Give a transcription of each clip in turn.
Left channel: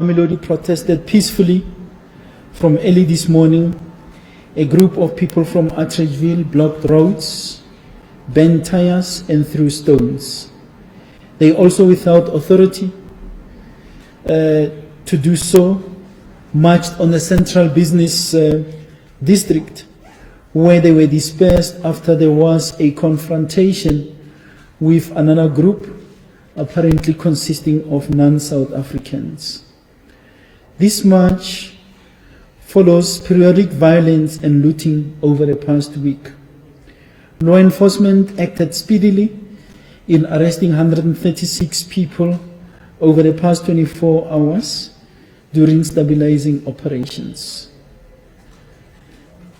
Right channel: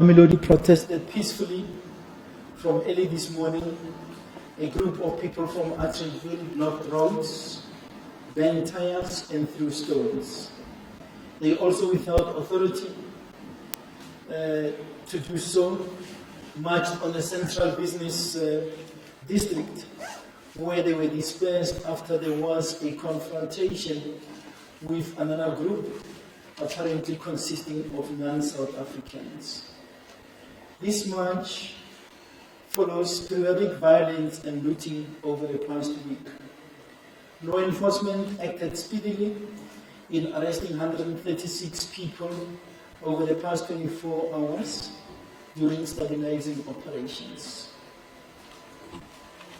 Mamelodi protested peacefully from early this morning. A group of people from Atteridgeville blocked roads, bent tires, and threw stones. They also, without authority to do so, marched on the central business district, where they were dispersed after there was a confrontation with another group, apparently consisting of non-South Africans. This march follows periodic violence and looting over the past week. Law enforcement acted speedily in arresting 136 people over the past 24 hours during stabilizing operations.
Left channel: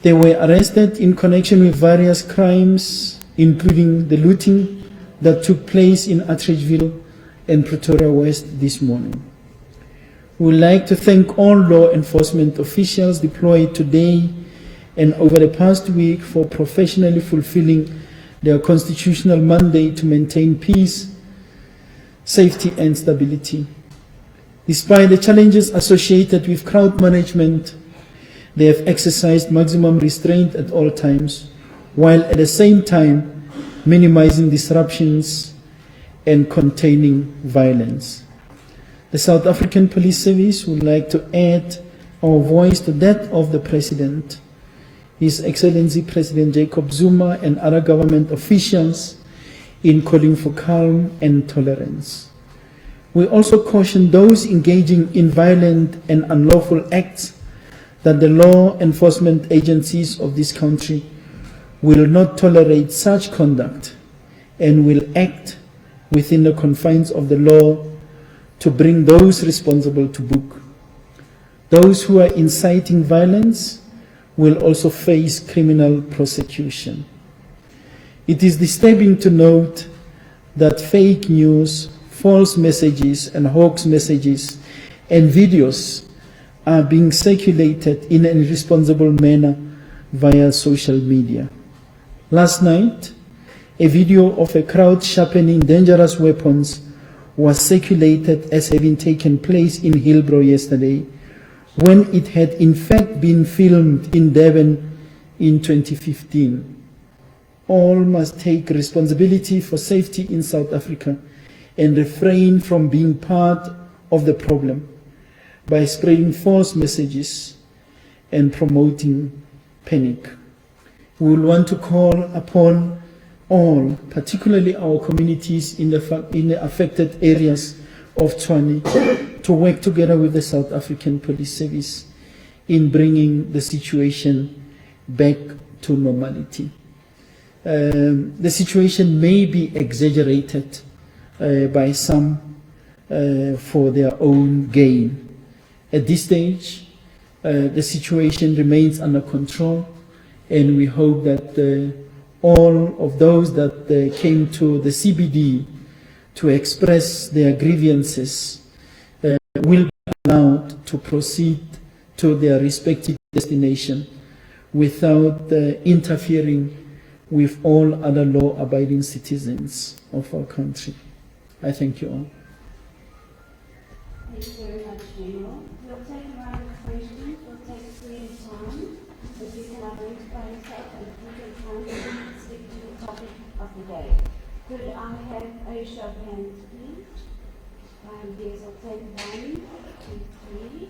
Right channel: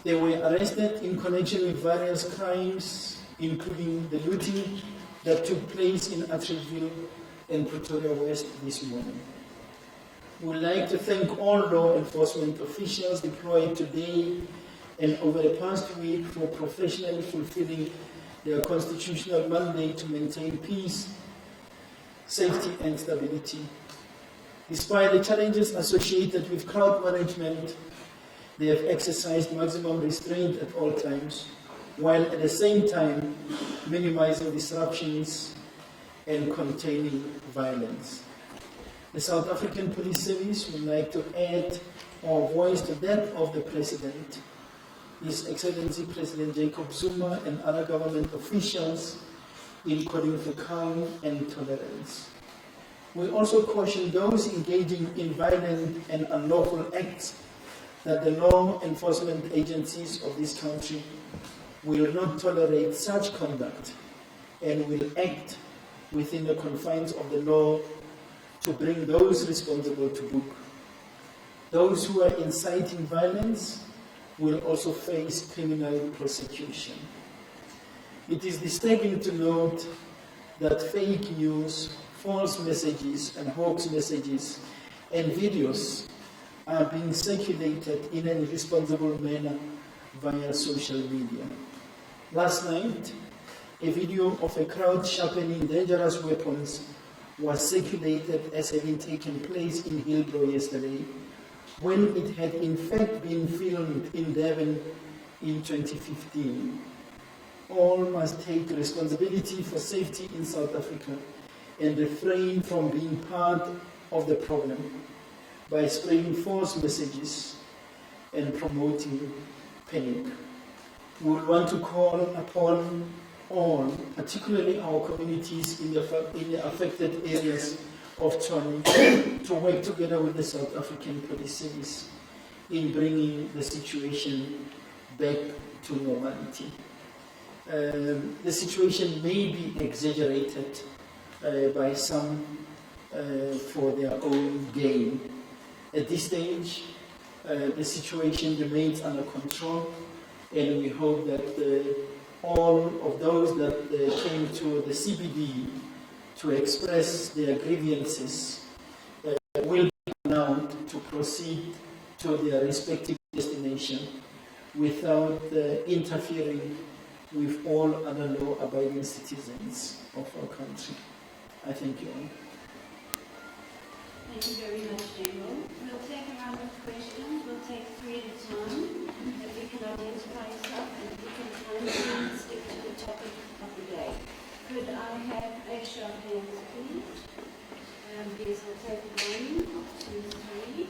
They were arrested in connection with various crimes, including the looting that took place in Atteridgeville and Pretoria West this morning. We would like to thank all law enforcement officials deployed today and over the past week for professionally fulfilling their constitutional mandate to maintain peace, safety, and stability. Despite the challenges associated with crowd management, they have exercised maximum restraint at all times, while at the same time minimizing disruptions and containing violence. The South African Police Service would like to add our voice to that of the President, His Excellency President Jacob Zuma, and other government officials in calling for calm and tolerance. We also caution those engaging in violent and unlawful acts that the law enforcement agencies of this country will not tolerate such conduct and will act within the confines of the law to bring those responsible to book. Those who are inciting violence will also face criminal prosecution. It is disturbing to note that fake news, false messages, and hoax messages and videos are being circulated in an irresponsible manner via social media. Last night, a video of a crowd sharpening dangerous weapons was circulated as having taken place in Hillbrow yesterday, when it had in fact been filmed in Durban in 2015. All must take responsibility for safety in South Africa and refrain from being part of the problem by spreading false messages and promoting panic. We will want to call upon all, particularly our communities in the affected areas of Tshwane, to work together with the South African Police Service in bringing the situation back to normality. The situation may be exaggerated by some for their own gain. At this stage, the situation remains under control, and we hope that all of those that came to the CBD to express their grievances will be allowed to proceed to their respective destination without interfering with all other law-abiding citizens of our country. I thank you all. Thank you very much, General. We'll take a round of questions. We'll take 3 at a time. If you can identify yourself and if you can kindly stick to the topic of the day. Could I have a show of hands, please? Yes, I'll take 1, 2, 3.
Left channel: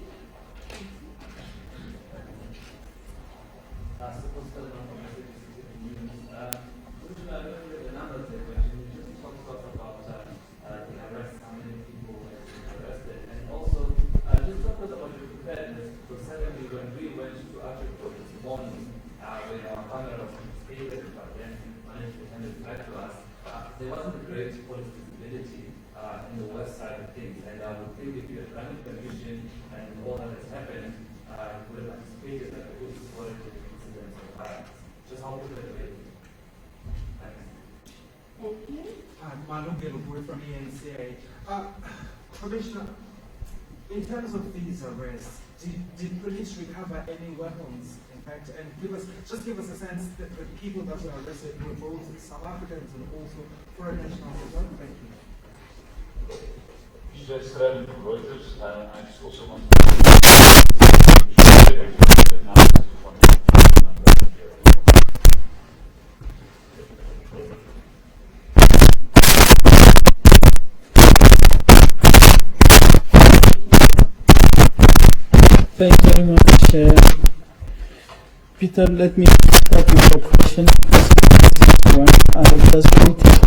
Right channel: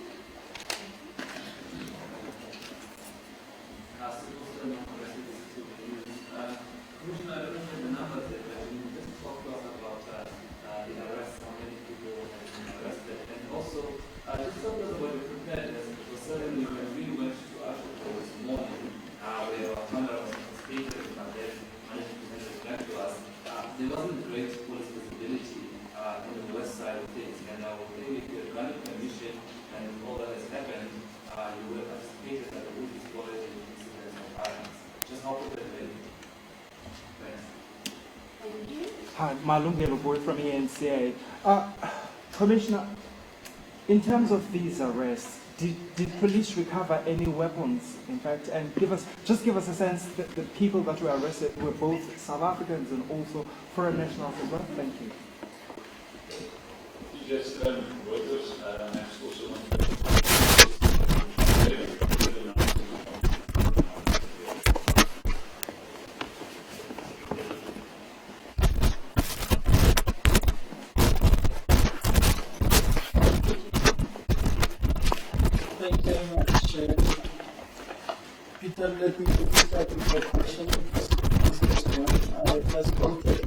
Commissioner, I don't know if you have the numbers there, but you just talk to us about the arrests, how many people have been arrested, and also just talk to us about your preparedness, because suddenly when we went to Atteridgeville this morning, where our camera was confiscated, but then managed to send it back to us, there wasn't great police visibility in the west side of things, and I would think if you had granted permission and all that has happened, you would have anticipated that there would be spotted incidents of violence. Just how could it be? Thank you. Hi, Malungelo Boy from eNCA. Commissioner, in terms of these arrests, did police recover any weapons, in fact, and give us a sense that the people that were arrested were both South Africans and also foreign nationals as well? Thank you. just around Reuters, I also want to Thank you very much. Peter, let me start with your question. I have just noted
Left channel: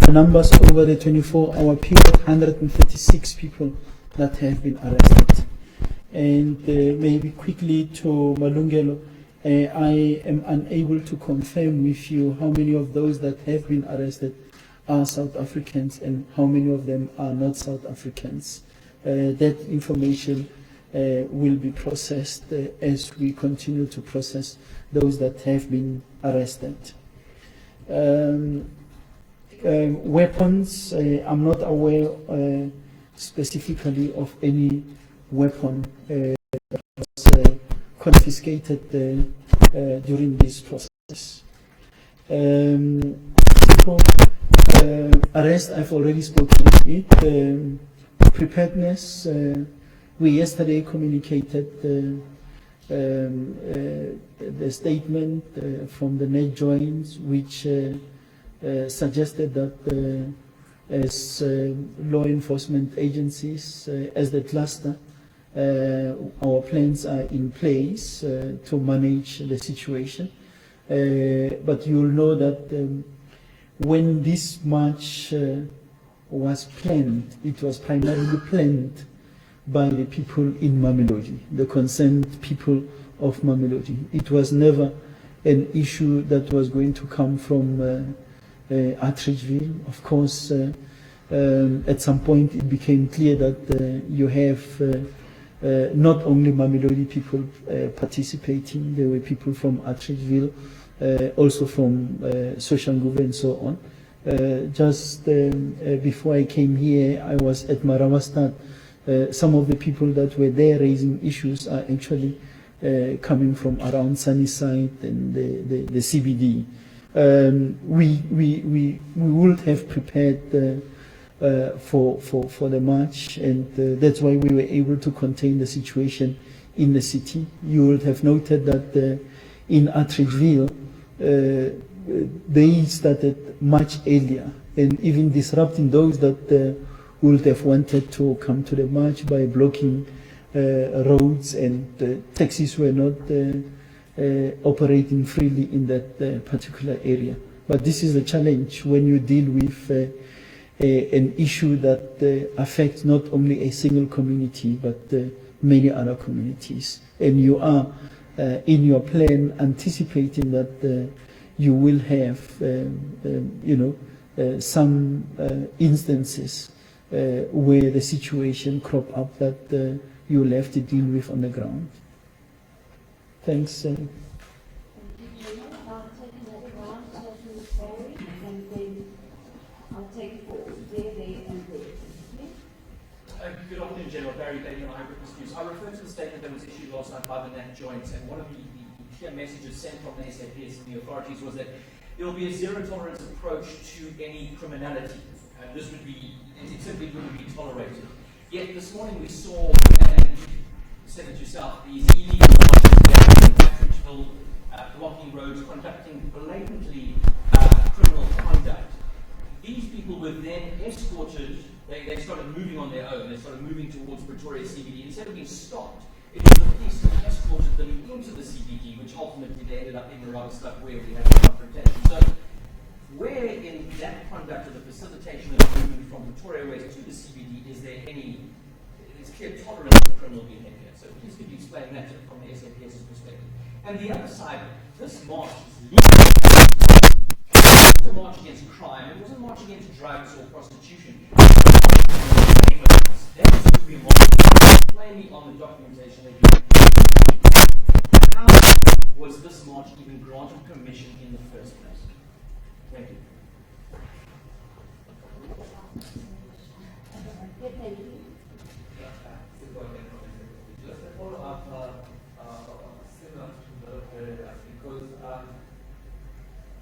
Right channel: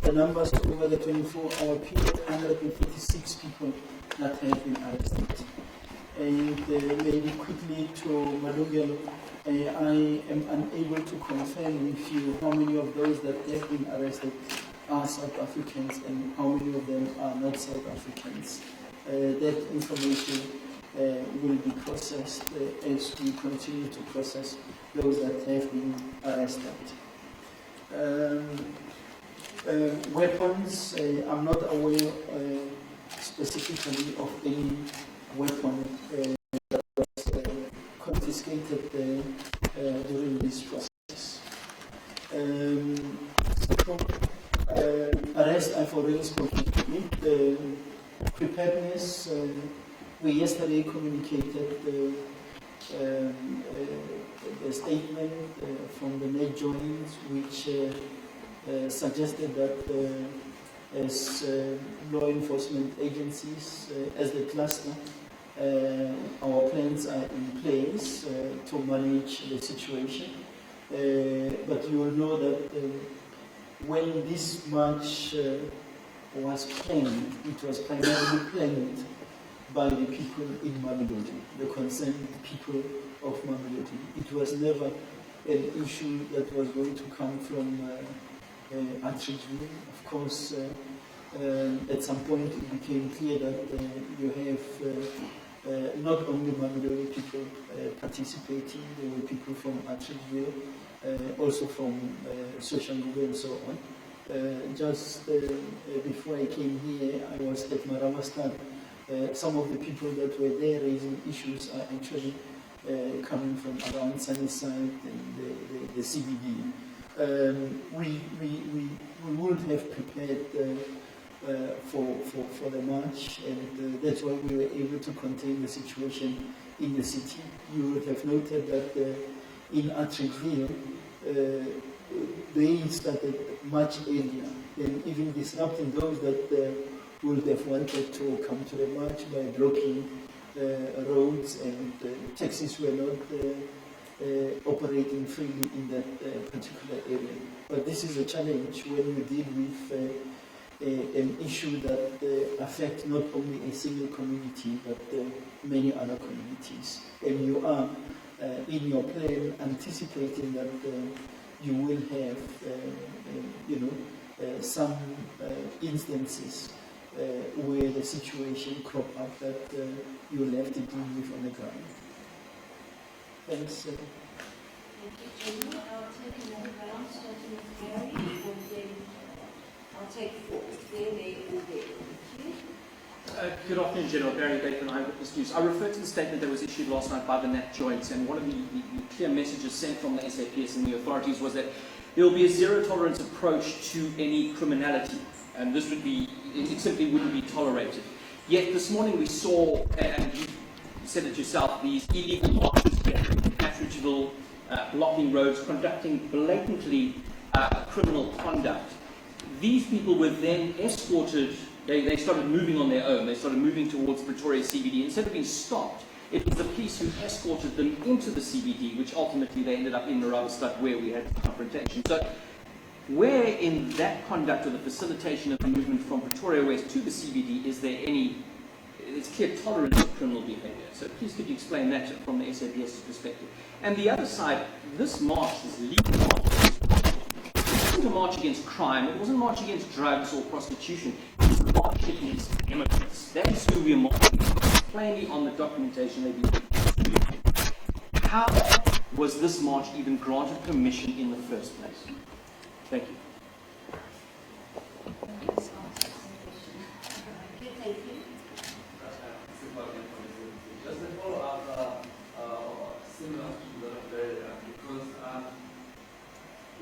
the numbers over the 24-hour period, 136 people that have been arrested. And maybe quickly to Malungelo, I am unable to confirm with you how many of those that have been arrested are South Africans and how many of them are not South Africans. That information will be processed as we continue to process those that have been arrested. Weapons, I'm not aware specifically of any weapon that was confiscated during this process. Arrest, I've already spoken with. Preparedness, we yesterday communicated the statement from the net joints, which suggested that as law enforcement agencies, as the cluster, our plans are in place to manage the situation. But you'll know that when this march was planned, it was primarily planned by the people in Mamelodi, the concerned people of Mamelodi. It was never an issue that was going to come from Atteridgeville. Of course, at some point it became clear that you have not only Mamelodi people participating, there were people from Atteridgeville, also from Soshanguve and so on. Just before I came here, I was at Marawastad. Some of the people that were there raising issues are actually coming from around Sunnyside and the CBD. We would have prepared for the march, and that's why we were able to contain the situation in the city. You would have noted that in Atteridgeville, they started much earlier and even disrupting those that would have wanted to come to the march by blocking roads, and taxis were not operating freely in that particular area. But this is a challenge when you deal with an issue that affects not only a single community but many other communities. And you are in your plan anticipating that you will have some instances where the situation crop up that you will have to deal with on the ground. Thanks. Thank you, General. I'll take another round, starting with Barry, and then I'll take four. There, and there. Thank you. Good afternoon, General. Barry Bateman, Eyewitness News. I refer to the statement that was issued last night by the NAT joints, and one of the clear messages sent from the SAPS and the authorities was that there will be a zero-tolerance approach to any criminality, and this would be, it simply wouldn't be tolerated. Yet this morning we saw, and you said it yourself, these illegal marches gathering in Atteridgeville, blocking roads, conducting blatantly criminal conduct. These people were then escorted, they started moving on their own, they started moving towards Pretoria CBD. Instead of being stopped, it was the police who escorted them into the CBD, which ultimately they ended up in Marawastad, where we had the confrontation. So where in that conduct or the facilitation of the movement from Pretoria West to the CBD is there any, it's clear tolerance of criminal behaviour? So please could you explain that from the SAPS's perspective? And the other side, this march, this legal march, it wasn't a march against crime, it wasn't a march against drugs or prostitution, it was a march against immigrants. That's who we are marching against, plainly on the documentation they've been. How was this march even granted permission in the first place? Thank you. Okay, thank you. Just a follow-up, similar to the because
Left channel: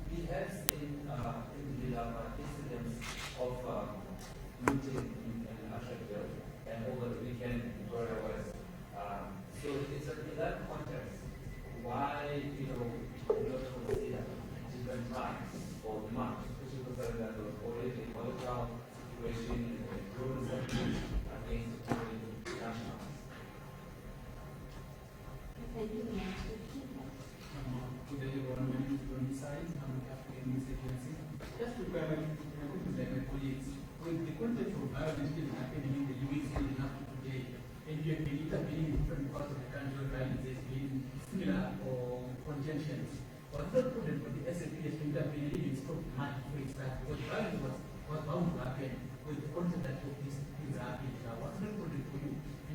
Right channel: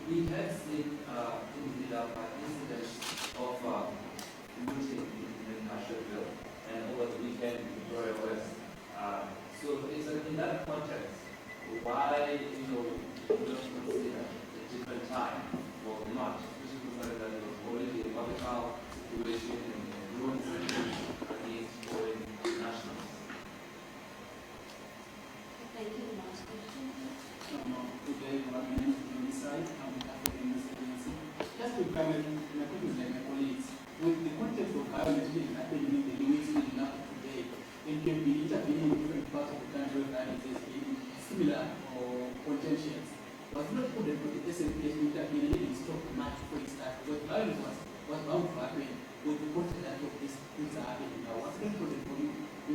we have seen in the incidents of looting in national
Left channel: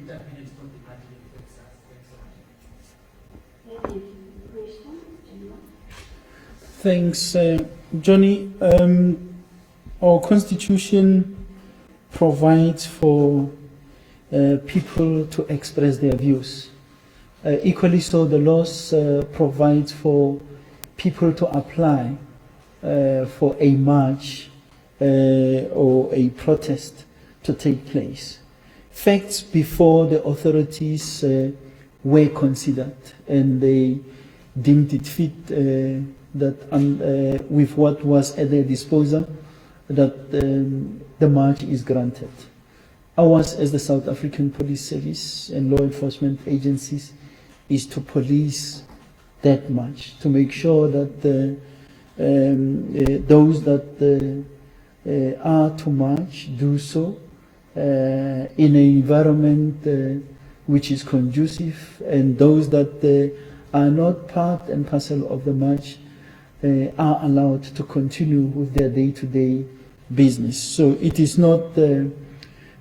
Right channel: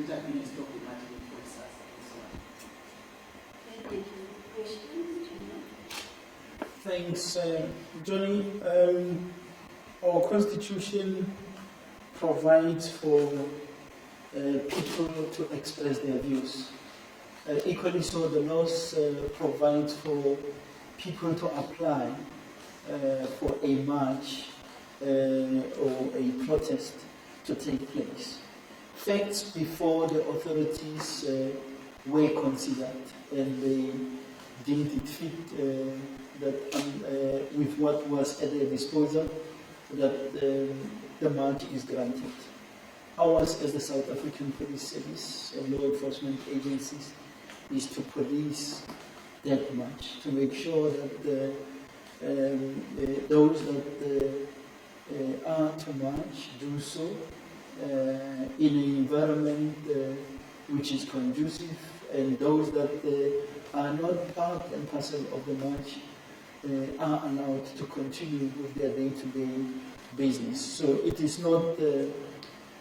would have been a problematic process and so on. Thank you. Questions, General? Thanks, Johnny. Our constitution provides for people to express their views. Equally so, the laws provides for people to apply for a march or a protest to take place. Facts before the authorities were considered, and they deemed it fit that with what was at their disposal, that the march is granted. Ours, as the South African Police Service and law enforcement agencies, is to police that march, to make sure that those that are to march do so in an environment which is conducive, and those that are not part and parcel of the march are allowed to continue with their day-to-day business. So it is not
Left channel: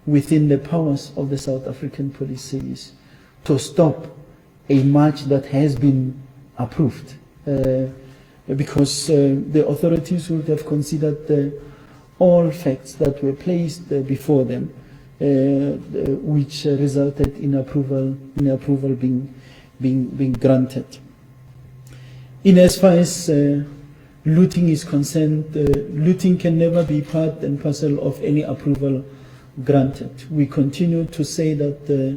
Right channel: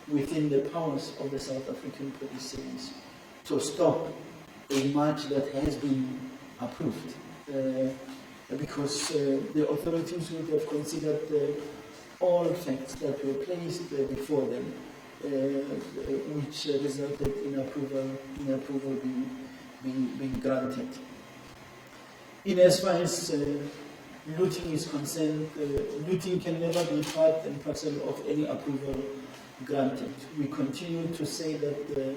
within the powers of the South African Police Service to stop a march that has been approved, because the authorities would have considered all facts that were placed before them, which resulted in approval being granted. In as far as looting is concerned, looting can never be part and parcel of any approval granted. We continue to say that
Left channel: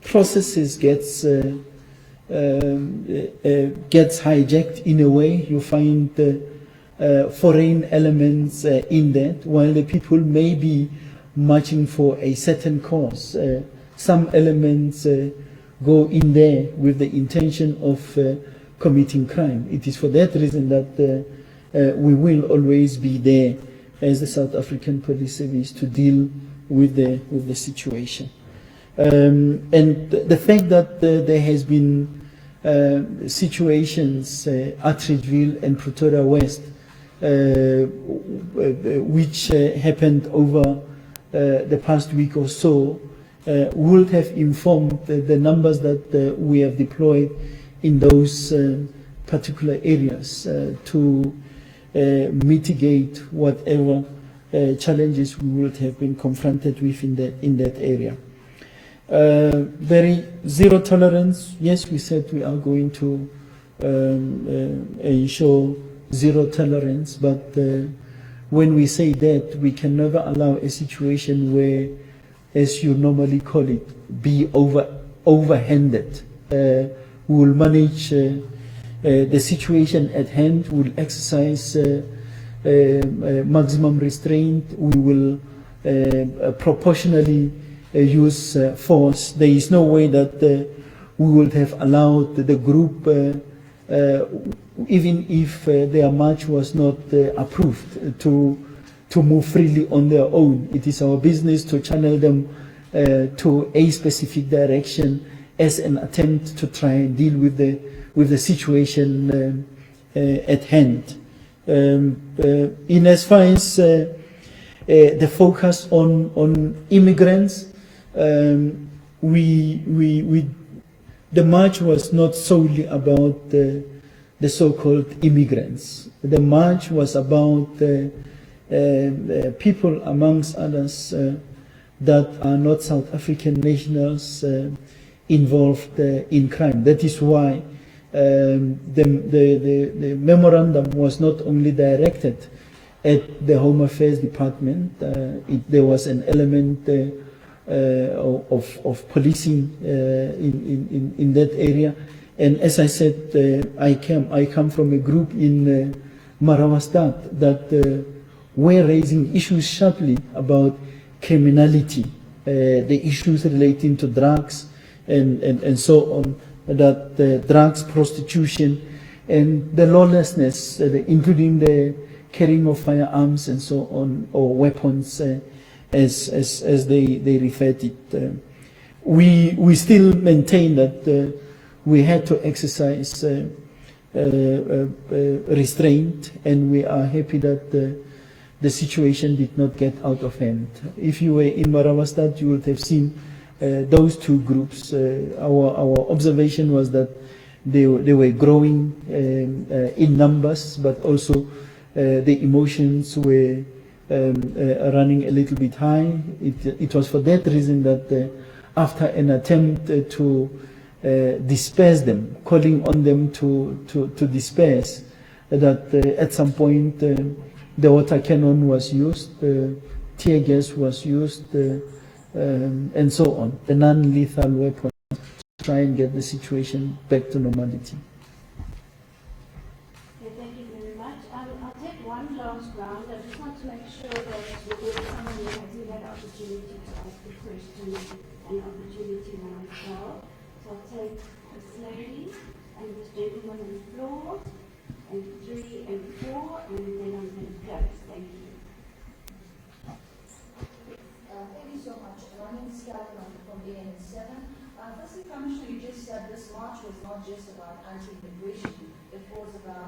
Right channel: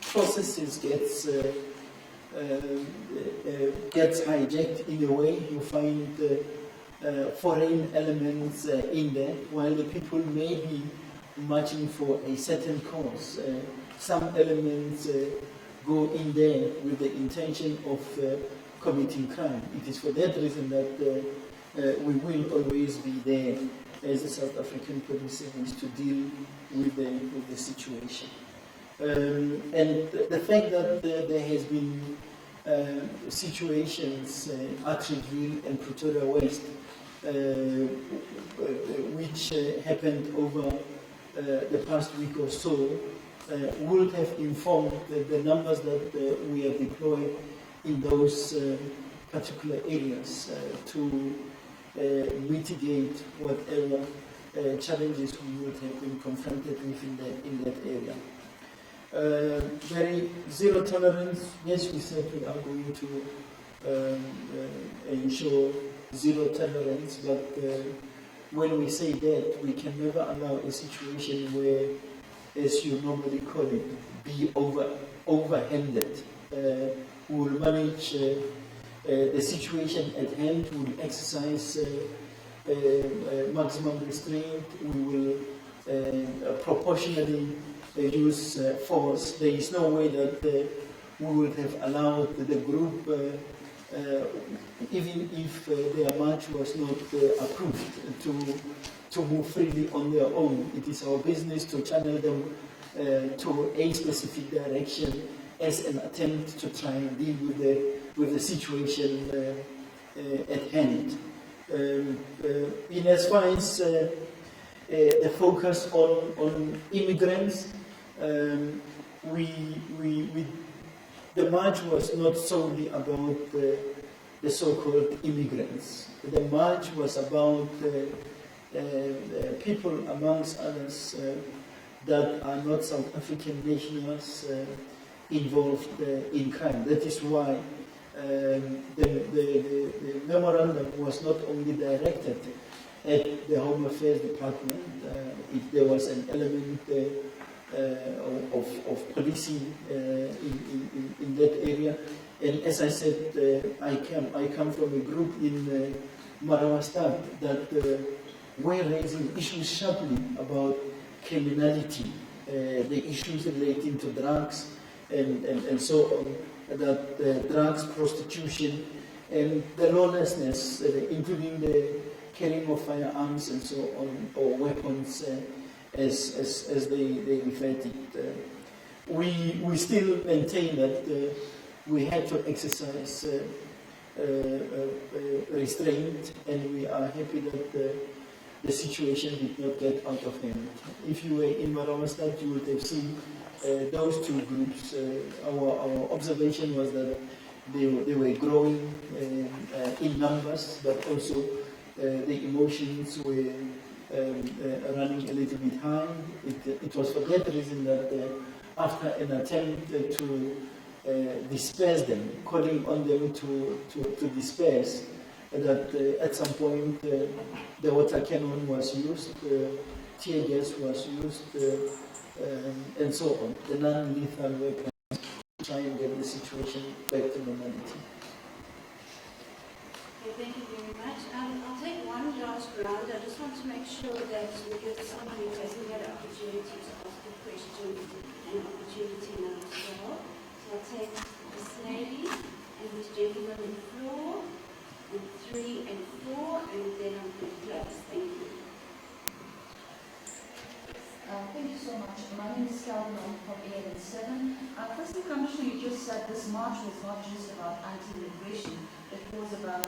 processes gets hijacked in a way. You find foreign elements in that, while the people may be marching for a certain cause. Some elements go in there with the intention of committing crime. It is for that reason that we will always be there as the South African Police Service to deal with the situation. And the fact that there has been situations, Atteridgeville and Pretoria West, which happened over the past week or so, would have informed the numbers that we have deployed in those particular areas to mitigate whatever challenges we would have been confronted with in that area. Very zero tolerance. Yes, we said we are going to ensure zero tolerance, but when we say that, we can never allow a situation where, as you normally call it, be overhanded. We will manage the situation at hand. We will exercise maximum restraint. We will proportionally use force. There is no way that we would have allowed the group, even if their march was not approved, to move freely on their own. It is our business to channel them to a specific direction as an attempt to try and deal with the situation at hand. In as far as the focus on immigrants, the march was not solely about the so-called immigrants. The march was about people, amongst others, that are not South African nationals involved in crime. That is why the memorandum was not only directed at the Home Affairs Department. There was an element of policing in that area. And as I said, I come from a group in Marawastad that were raising issues sharply about criminality, the issues relating to drugs and so on, that drugs, prostitution, and the lawlessness, including the carrying of firearms and so on, or weapons, as they referred it. We still maintain that we had to exercise restraint, and we are happy that the situation did not get out of hand. If you were in Maravastad, you would have seen those two groups. Our observation was that they were growing in numbers, but also the emotions were running a little bit high. It was for that reason that after an attempt to disperse them, calling on them to disperse, that at some point the water cannon was used, tear gas was used, and so on, the non-lethal weapons, to try and get the situation back to normality. Okay, thank you very much. I'll take one last round. I just want to make sure that we give someone who hasn't had an opportunity to ask a question an opportunity now as well. So I'll take this lady and this gentleman on the floor, and 3 and 4, and then I'm going to close. Thank you. Thank you so much. My name is Calvin. I'm from eNCA. Firstly, Commissioner, you just said this march was not just about anti-immigration. It was about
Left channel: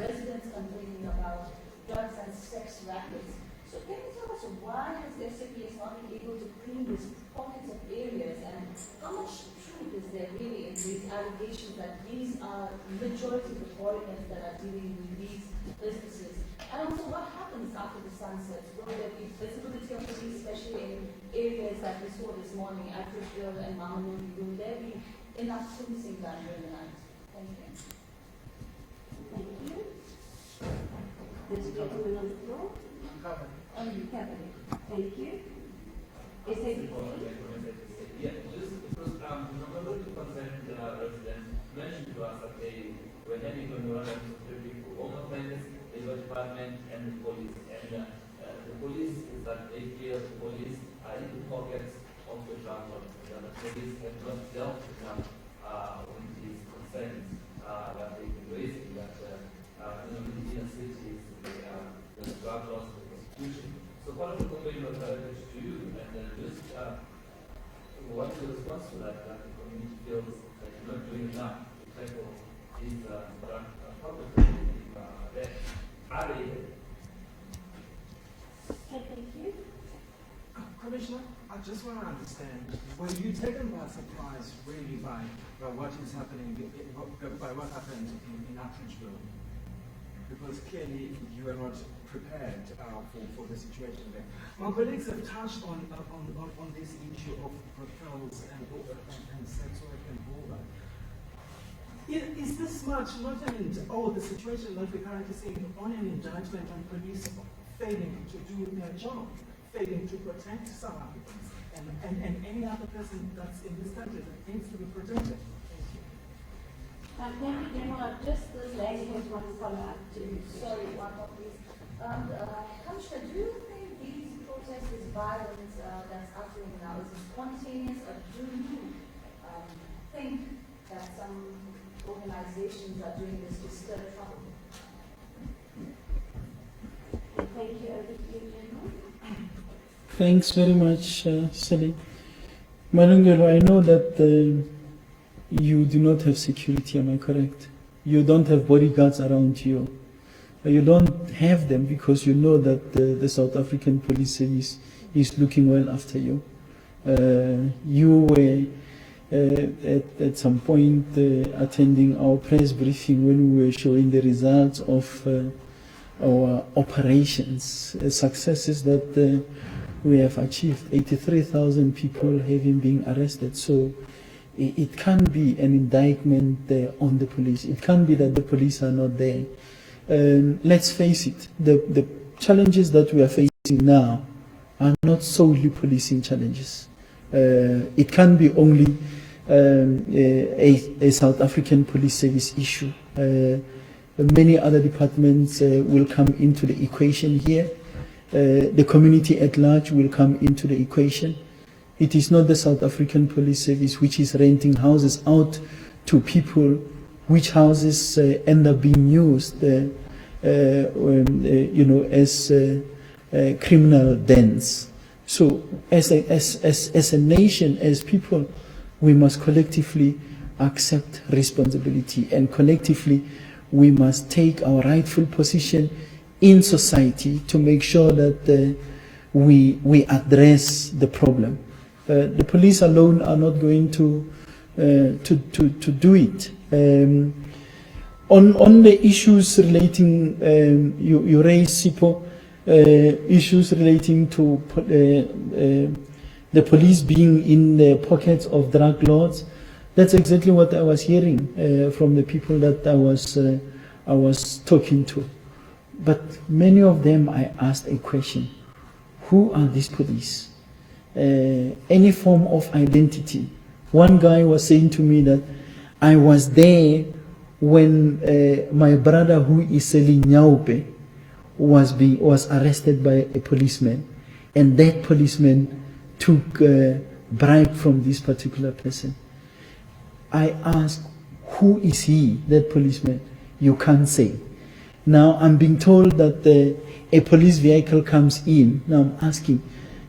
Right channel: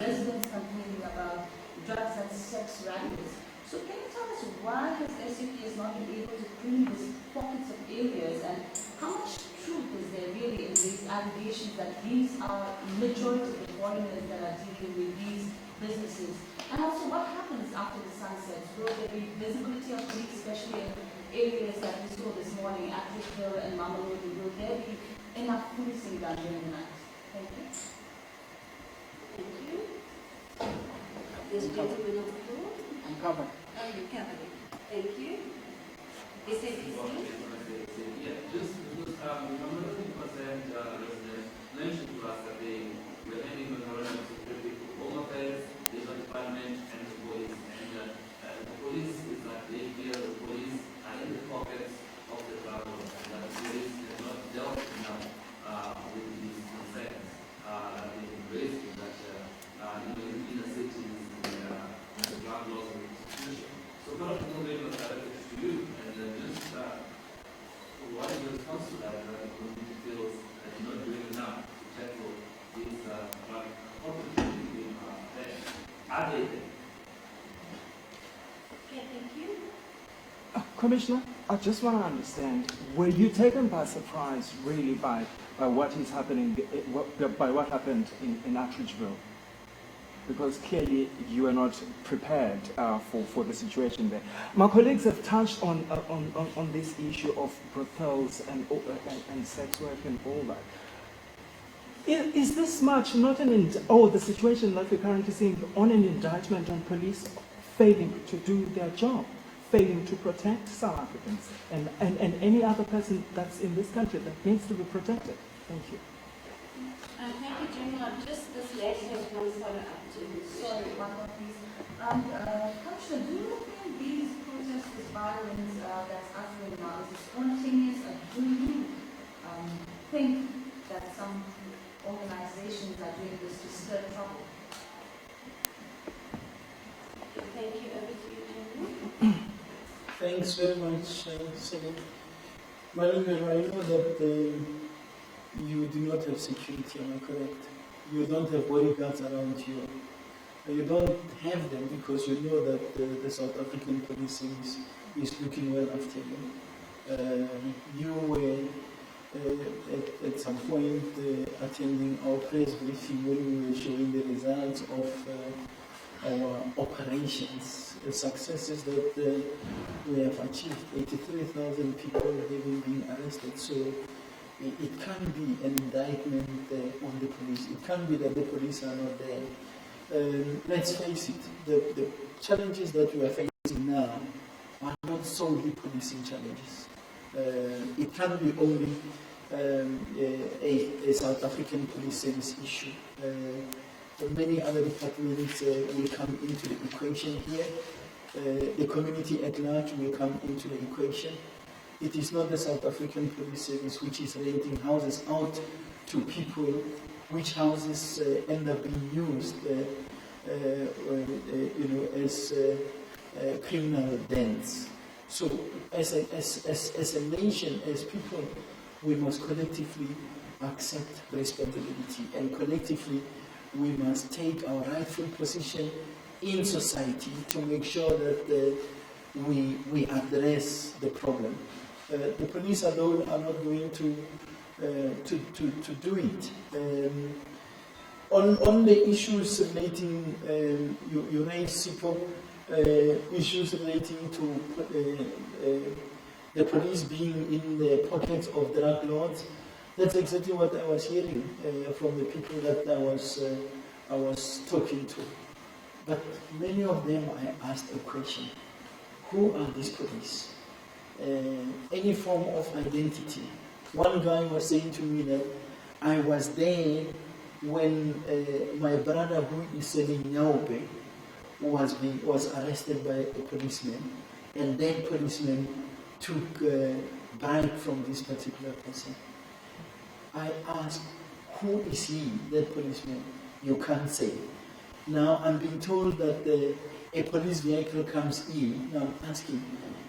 residents complaining about drugs and sex rackets. So can you tell us why has SAPS not been able to clean these pockets of areas, and how much truth is there really in these allegations that these are majority of the foreigners that are dealing with these businesses? And also, what happens after the sun sets? Will there be visibility of police, especially in areas that we saw this morning, Atteridgeville and Mamelodi? Will there be enough policing done during the night? Thank you. Thank you. This gentleman on the floor. I'm covered. Oh, you covered it. Thank you. SABC. Yeah, just because the Mamelodi residents mentioned to us that they were having memorandum of security for Home Affairs, Labor Department, and the police. And the police is that they feel the police are in the pockets of the drug lords, that the police have not dealt enough with these concerns that they raised in that in inner cities, the drug laws and the prostitution. So part of the complaint was directed to you, and just what is your response to that? That the community feels that you're not doing enough to tackle these drug conflicts there. Are they there? Okay, thank you. Commissioner, I just want to understand, were you taken by surprise really by what is happening, by what happened in Atteridgeville? Because clearly you were not prepared for the situation there. My colleagues have touched on this issue of brothels and sex work and all that. Is this much not the situation that we're currently seeing on an indictment on police failing to do their job, failing to protect South Africans and any other person that's in this country that needs to be protected? Thank you. Thank you, General. Just this lady has one follow-up to this. Sorry, one more please. Commissioner, do you think these protests, this violence that's occurring now, is it spontaneous, or do you think that some organizations are doing this to stir trouble? Thank you. Over to you, General. Thanks very much, Sally. Malungelo, I know that you do not have security, am I correct? You don't have bodyguards around you. You don't have them because you know that the South African Police Service is looking well after you. You were at some point attending our press briefing when we were showing the results of our operations, successes that we have achieved, 83,000 people having been arrested. So it can't be an indictment on the police. It can't be that the police are not there. Let's face it, the challenges that we are facing now are not solely policing challenges. It can't be only a South African Police Service issue. Many other departments will come into the equation here. The community at large will come into the equation. It is not the South African Police Service which is renting houses out to people, which houses end up being used, as criminal dens. So, as a nation, as people, we must collectively accept responsibility, and collectively we must take our rightful position in society to make sure that we address the problem. The police alone are not going to do it. On the issues relating, you raised, Sipho, issues relating to the police being in the pockets of drug lords. That's exactly what I was hearing from the people that I was talking to. But many of them, I asked a question: who are these police? Any form of identity. One guy was saying to me that I was there when my brother, who is selling nyaupe, was arrested by a policeman, and that policeman took a bribe from this particular person. I asked, who is he, that policeman? You can't say. Now I'm being told that a police vehicle comes in. Now I'm asking,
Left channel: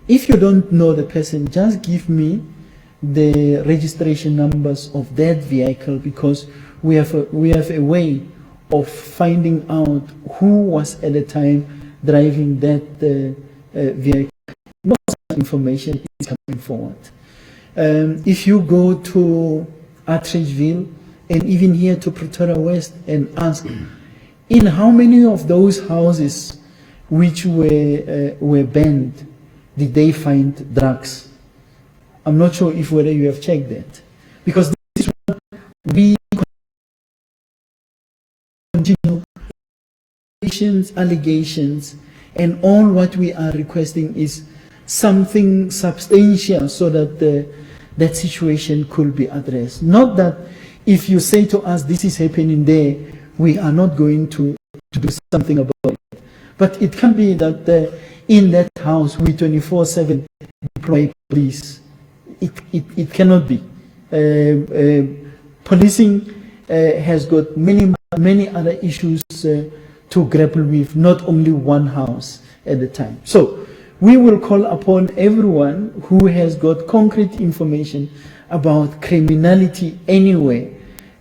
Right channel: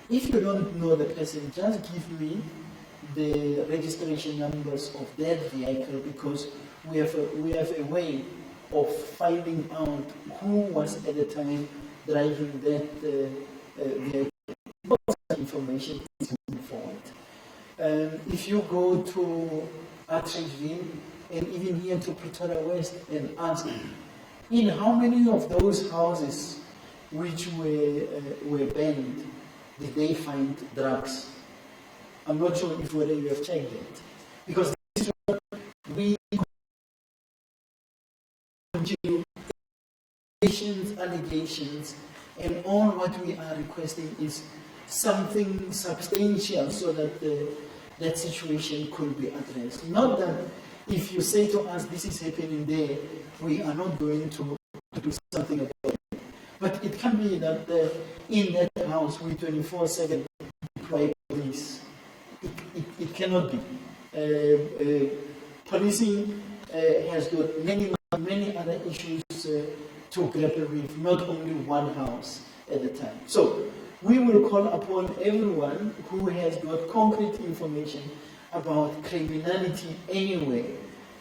if you don't know the person, just give me the registration numbers of that vehicle, because we have a way of finding out who was at the time driving that vehicle. No such information is coming forward. If you go to Atteridgeville and even here to Pretoria West and ask, in how many of those houses which were banned did they find drugs? I'm not sure if whether you have checked that, because this is what we continue, allegations, and all what we are requesting is something substantial so that that situation could be addressed. Not that if you say to us this is happening there, we are not going to do something about it. But it can be that in that house we 24/7 deploy police. It cannot be. Policing has got many other issues to grapple with, not only one house at a time. So we will call upon everyone who has got concrete information about criminality anywhere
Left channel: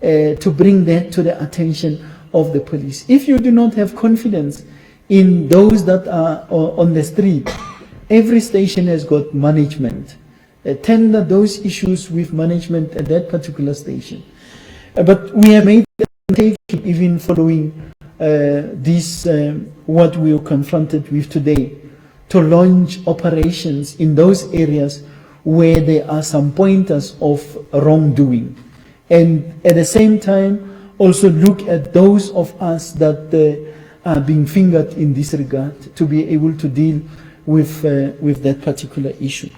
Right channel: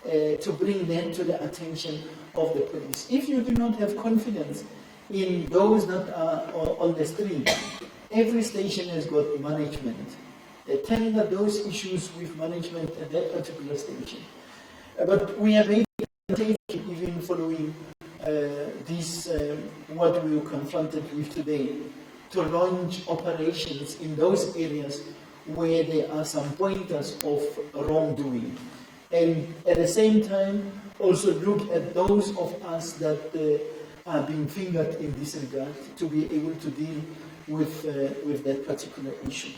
to bring that to the attention of the police. If you do not have confidence in those that are on the street, every station has got management. Tender those issues with management at that particular station. But we have made the undertaking, even following this, what we were confronted with today, to launch operations in those areas where there are some pointers of wrongdoing. And at the same time, also look at those of us that are being fingered in this regard, to be able to deal with that particular issue.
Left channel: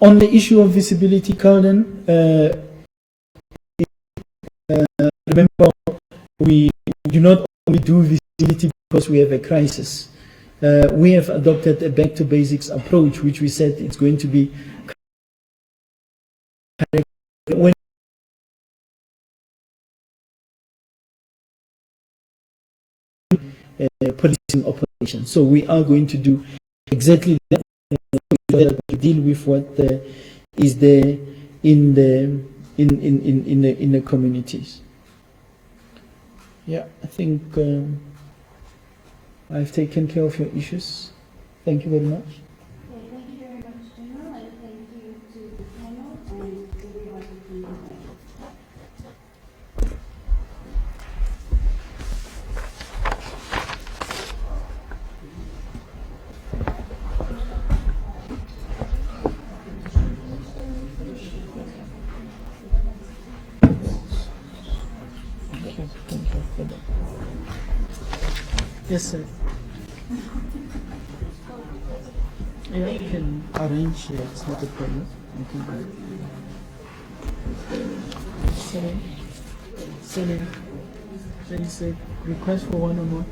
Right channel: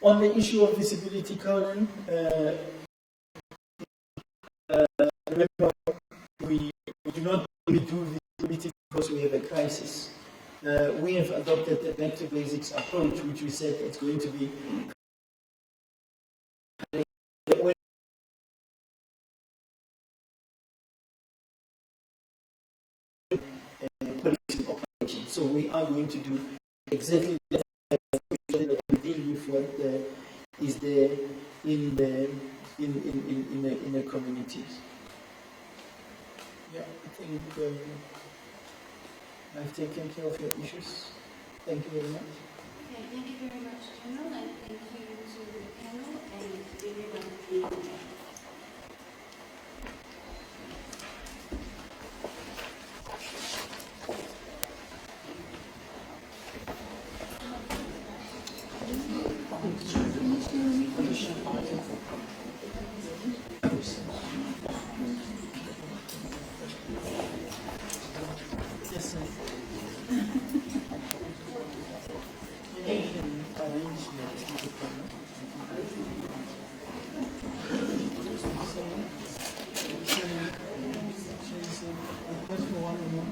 On the issue of visibility, Calden, remember, we do not only do visibility because we have a crisis. We have adopted a back to basics approach, which we said it's going to be when policing operations. So we are going to do exactly that, that we deal with what is there in the communities. Yeah, I think I've taken care of your issues. Thank you very much. Okay, thank you very much, General, and thank you to the panel and everybody being there. Yes, sir. Yeah, I can arrange here. It's not a problem. I can do it. Sorry. There is a request for one-on-one.